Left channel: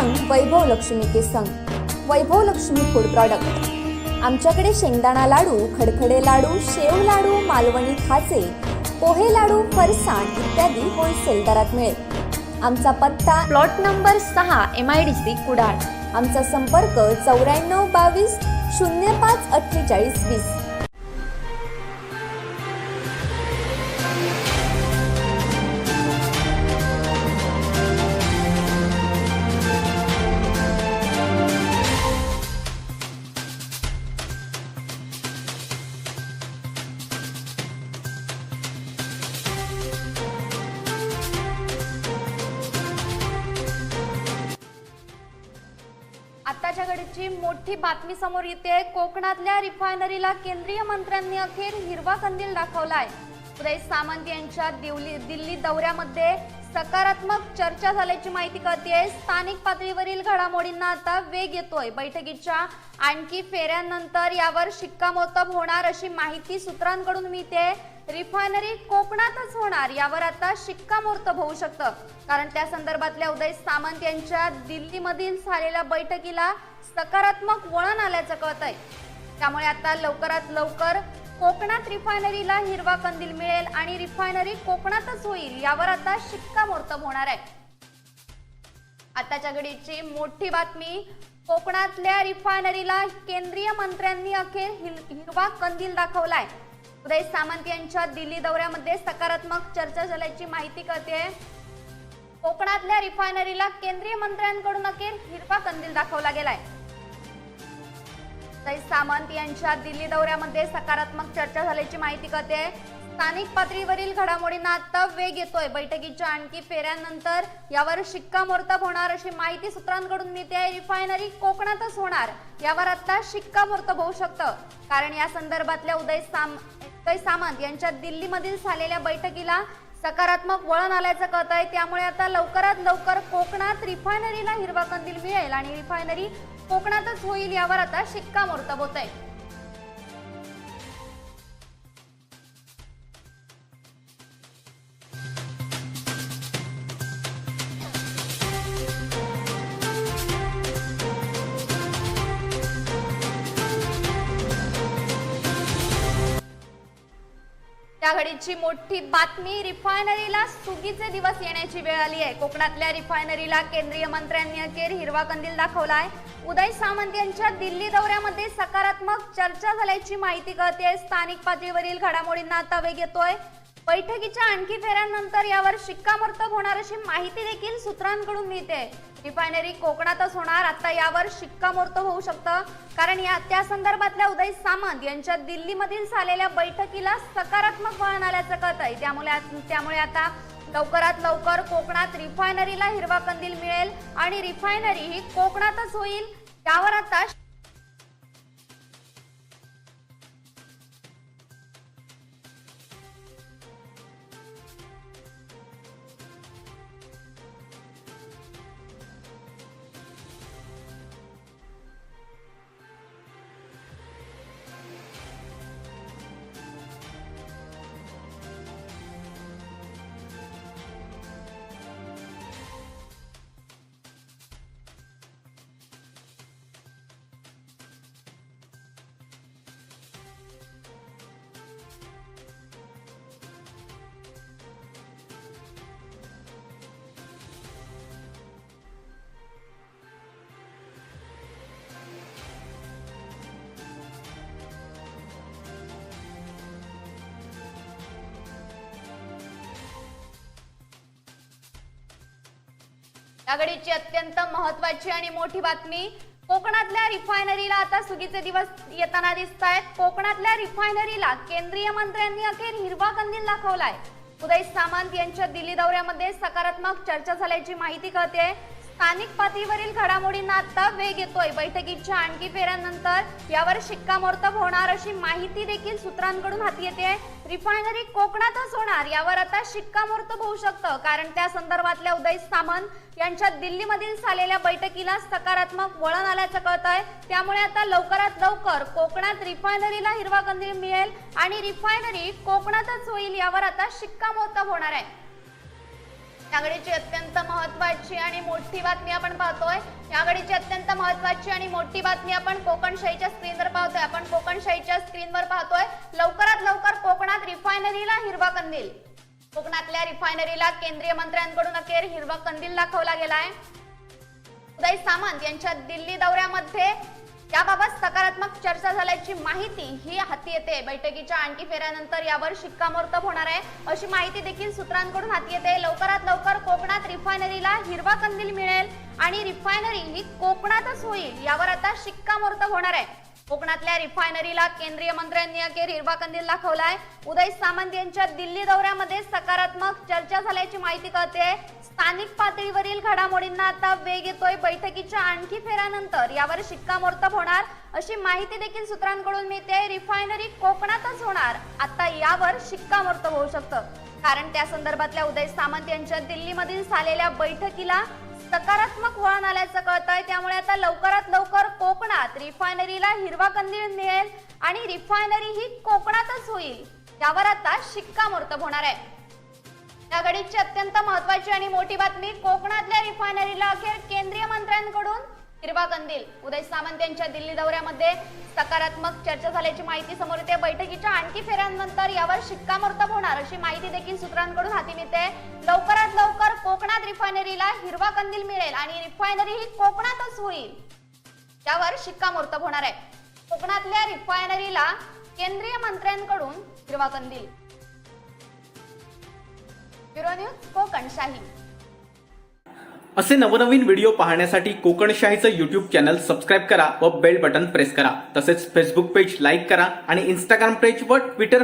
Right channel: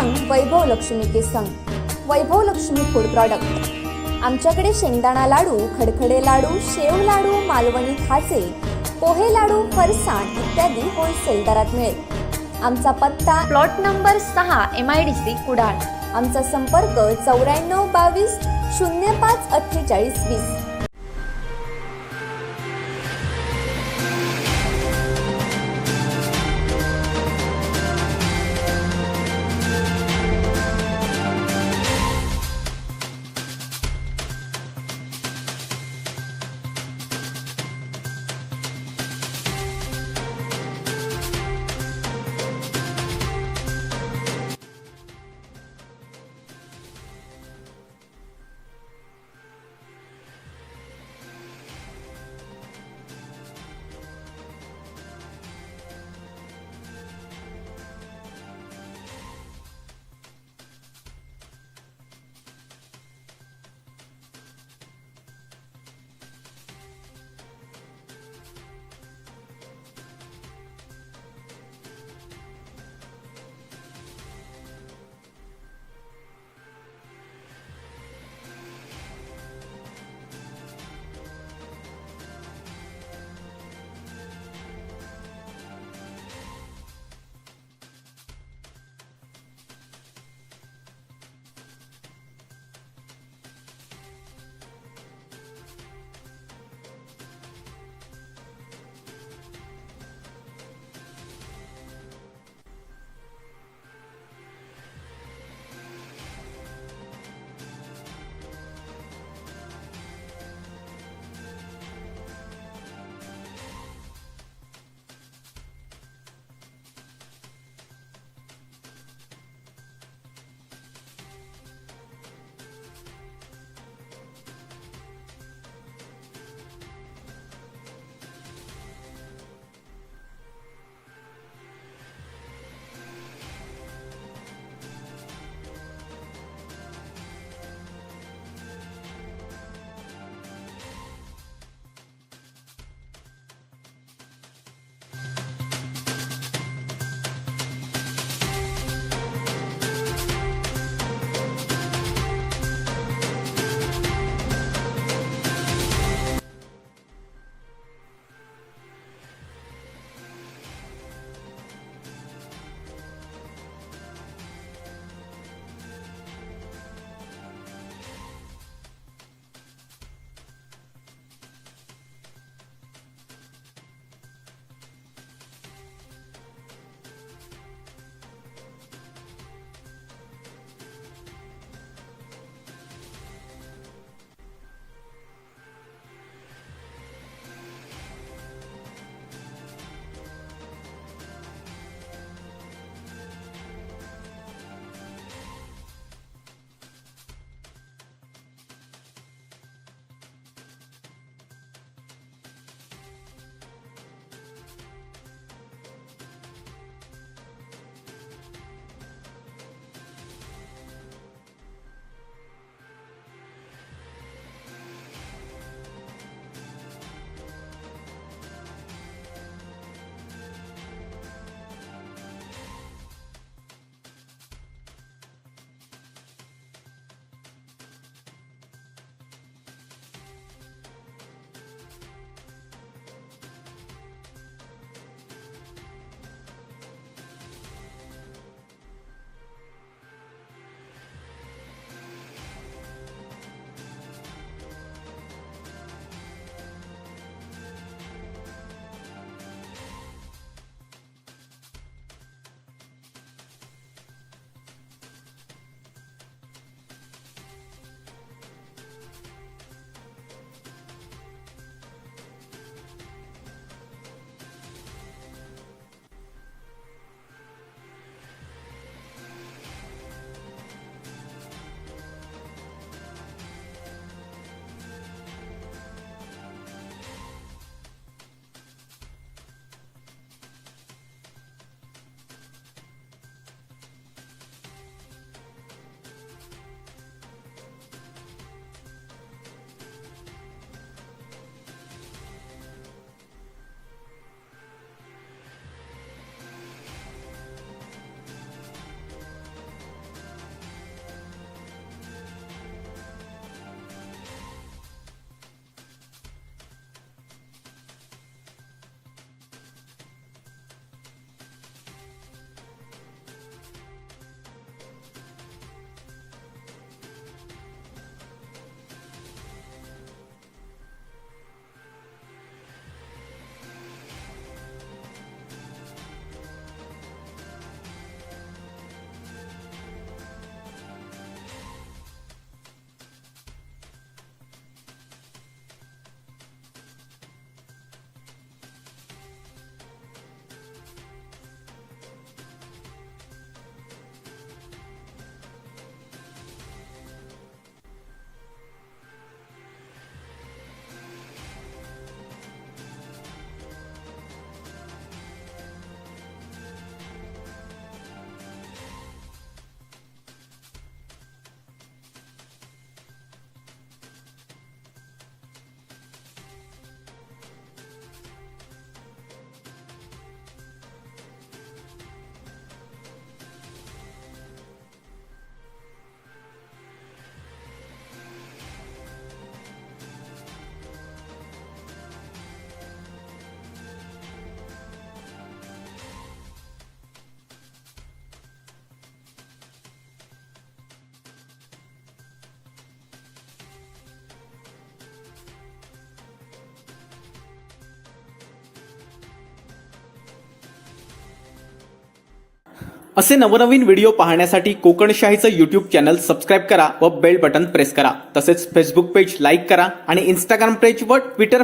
संग वैभव लक्ष्मी के संग वैभव Lakshmi food product. आमच्याकडे शेंगदाणा लाडू, खडखडे लाडू, शेव लाडू, मालवणी खाचे, पोहे लाडू, फरसाण इत्यादी होलसेल दरात मिळेल। आमचा पत्ता प्लॉट नंबर 6 MIDC कुडाळ। आमचा संपर्क 94 22 05 48 20। आताच्या घडीची मोठी बातमी समोर येते। कोकणातल्या रिफायनरीला केंद्रीय मंत्र्यांनी अखेर हिरवा कंदील दाखवलाय। उदय सामंत यांच्या दिल्ली दौऱ्यामध्ये सकारात्मक चर्चा झाल्याची माहिती कळतेय। स्थानिक पातळीवरील घडामोडींना आता वेग येतोय। बैठकीच्या आणखी फेऱ्यांनंतर यावर शिक्कामोर्तब होणार अशी माहिती सूत्रांकडून मिळते। रिफायनरी कोकणातच होणार यावर आता शिक्कामोर्तब होऊ शकतं, कारण त्या संदर्भातल्या उदय सामंत यांच्या दिल्लीमधील झालेल्या बैठकीला सकारात्मक वळण आल्याचं कळतंय। त्यामुळे आता लवकरात लवकर कोकणात रिफायनरीला हिरवा कंदील मिळेल आणि रिफायनरी कोकणातच होईल यावर आता शिक्कामोर्तब होणार आहे। आताच्या घडीची मोठी बातमी, कोकणातल्या रिफायनरीला केंद्रीय मंत्र्यांनी अखेर हिरवा कंदील दाखवलाय। उदय सामंत यांच्या दिल्ली दौऱ्यामध्ये सकारात्मक चर्चा झाल्याची माहिती कळते। कोकणातल्या रिफायनरीला केंद्रीय मंत्र्यांकडून अखेर हिरवा कंदील दाखवला गेलाय। उदय सामंत यांच्या दिल्ली दौऱ्यामध्ये सकारात्मक चर्चा झाल्याची माहिती कळते। स्थानिक पातळीवरील घडामोडींना आता वेग येतोय। बैठकीच्या आणखी फेऱ्यांनंतर यावर शिक्कामोर्तब होणार अशी माहिती सूत्रांकडून मिळते। रिफायनरी कोकणातच होणार यावर आता शिक्कामोर्तब होऊ शकतं, कारण या संदर्भातल्या उदय सामंत यांच्या दिल्लीमधील झालेल्या बैठकीला सकारात्मक वळण आल्याचं कळतंय। त्यामुळे आता लवकरात लवकर कोकणात रिफायनरीला हिरवा कंदील मिळेल आणि रिफायनरी कोकणातच होईल यावर आता शिक्कामोर्तब होतंय। त्या घडीची मोठी बातमी, रिफायनरीला सुगीचे दिवस येण्याची वेळ आली आहे। कोकणातल्या रिफायनरीला केंद्रीय मंत्र्यांनी अखेर हिरवा कंदील दाखवलाय। उदय सामंत यांच्या दिल्ली दौऱ्यामध्ये सकारात्मक चर्चा झाल्याची माहिती कळते। स्थानिक पातळीवरील घडामोडींना आता वेग येतोय। बैठकीच्या आणखी फेऱ्यांनंतर यावर शिक्कामोर्तब होणार अशी माहिती देखील सूत्रांकडून मिळते। रिफायनरी कोकणातच होणार आता यावर शिक्कामोर्तब होऊ शकतं, कारण त्या संदर्भातल्या उदय सामंत यांच्या दिल्लीमधील झालेल्या बैठकीला सकारात्मक वळण आल्याचं कळतंय। त्यामुळे आता लवकरात लवकर कोकणात रिफायनरीला हिरवा कंदील मिळेल आणि रिफायनरी ही कोकणातच होईल यावर आता याघडीची अत्यंत महत्त्वाची आणि मोठी बातमी, कोकणातल्या रिफायनरीला आता सुगीचे दिवस येताना दिसतायत। कोकणातल्या रिफायनरीला केंद्रीय मंत्र्यांनी अखेर हिरवा कंदील दाखवलाय। उदय सामंत यांच्या दिल्ली दौऱ्यामध्ये सकारात्मक चर्चा झाल्याची माहिती कळते। स्थानिक पातळीवरील घडामोडींना आता वेग येतोय। बैठकीच्या आणखी फेऱ्यांनंतर यावर शिक्कामोर्तब होणार अशी माहिती देखील सूत्रांकडून हाती येते। रिफायनरी कोकणातच होणार यावर आता शिक्कामोर्तब होऊ शकतं, कारण त्या संदर्भातल्या उदय सामंत यांच्या दिल्लीमधील झालेल्या बैठकीला सकारात्मक वळण आल्याचं कळतंय। त्यामुळे आता लवकरात लवकर कोकणात रिफायनरीला हिरवा कंदील मिळेल आणि रिफायनरी कोकणातच होईल यावर आता शिक्कामोर्तब होणार आहे। याकडीची अत्यंत महत्त्वाची आणि मोठी बातमी आपण पाहतोय. याकडीची अत्यंत महत्त्वाची आणि मोठी बातमी आपण कोकणशाहीच्या स्क्रीनवर पाहतोय. लवकरात लवकर कोकणात रिफायनरीला हिरवा कंदील. कोकणातल्या रिफायनरीला केंद्रीय मंत्र्यांकडून अखेर हिरवा कंदील दाखवला गेलाय. उदय सामंत यांच्या दिल्ली दौऱ्यामध्ये याबाबत सकारात्मक चर्चा झाल्याची माहिती ही हाती येते. बैठकीच्या आणखी फेऱ्यानंतर यावर शिक्कामोर्तब होणार आहे अशी माहिती देखील सूत्रांकडून हाती येते. लवकरात लवकर कोकणात रिफायनरीला हिरवा कंदील मिळेल आणि रिफायनरी ही कोकणातच होईल यावर आता शिक्कामोर्तब होणार आहे. कोकणातल्या रिफायनरीला केंद्रीय मंत्र्यांनी अखेर हिरवा कंदील दाखवलाय. उदय सामंत यांच्या दिल्ली दौऱ्यामध्ये सकारात्मक चर्चा झाल्याची माहिती कळते. स्थानिक पातळीवरील घडामोडींना आता वेग येतोय. बैठकीच्या आणखी फेऱ्यानंतर यावर शिक्कामोर्तब होणार अशी माहिती देखील सूत्रांकडून मिळते. रिफायनरी कोकणातच होणार आता यावर शिक्कामोर्तब होऊ शकतं, कारण त्या संदर्भातल्या उदय सामंत यांच्या दिल्लीमधील झालेल्या बैठकीला सकारात्मक वळण आल्याचं कळतंय. त्यामुळे आता लवकरात लवकर कोकणात रिफायनरीला हिरवा कंदील मिळेल आणि रिफायनरी ही कोकणातच होईल यावर आता शिक्कामोर्तब होणार आहे. या घडीची अत्यंत महत्त्वाची आणि मोठी बातमी. कोकणातल्या रिफायनरीला अखेर केंद्रीय मंत्र्यांकडून हिरवा कंदील. उदय सामंत यांच्या दिल्ली दौऱ्यामध्ये सकारात्मक चर्चा झाल्याची माहिती समोर येते. बैठकीच्या आणखी फेऱ्यानंतर यावर शिक्कामोर्तब होणार अशी माहिती देखील सूत्रांकडून हाती मिळते. लवकरात लवकर कोकणात रिफायनरीला हिरवा कंदील मिळेल आणि रिफायनरी ही कोकणातच होईल यावर शिक्कामोर्तब होणार आहे. कोकणातल्या रिफायनरीला केंद्रीय मंत्र्यांकडून हिरवा कंदील. Bureau news Kokanshahi. असे नवनवीन व्हिडिओ पाहण्यासाठी कोकणशाहीचं यूट्यूब चॅनल सबस्क्राईब करा व बेल बटन प्रेस करा. तसेच फेसबुक पेज लाईक करा आणि इंस्टाग्राम पेज व ट्विटर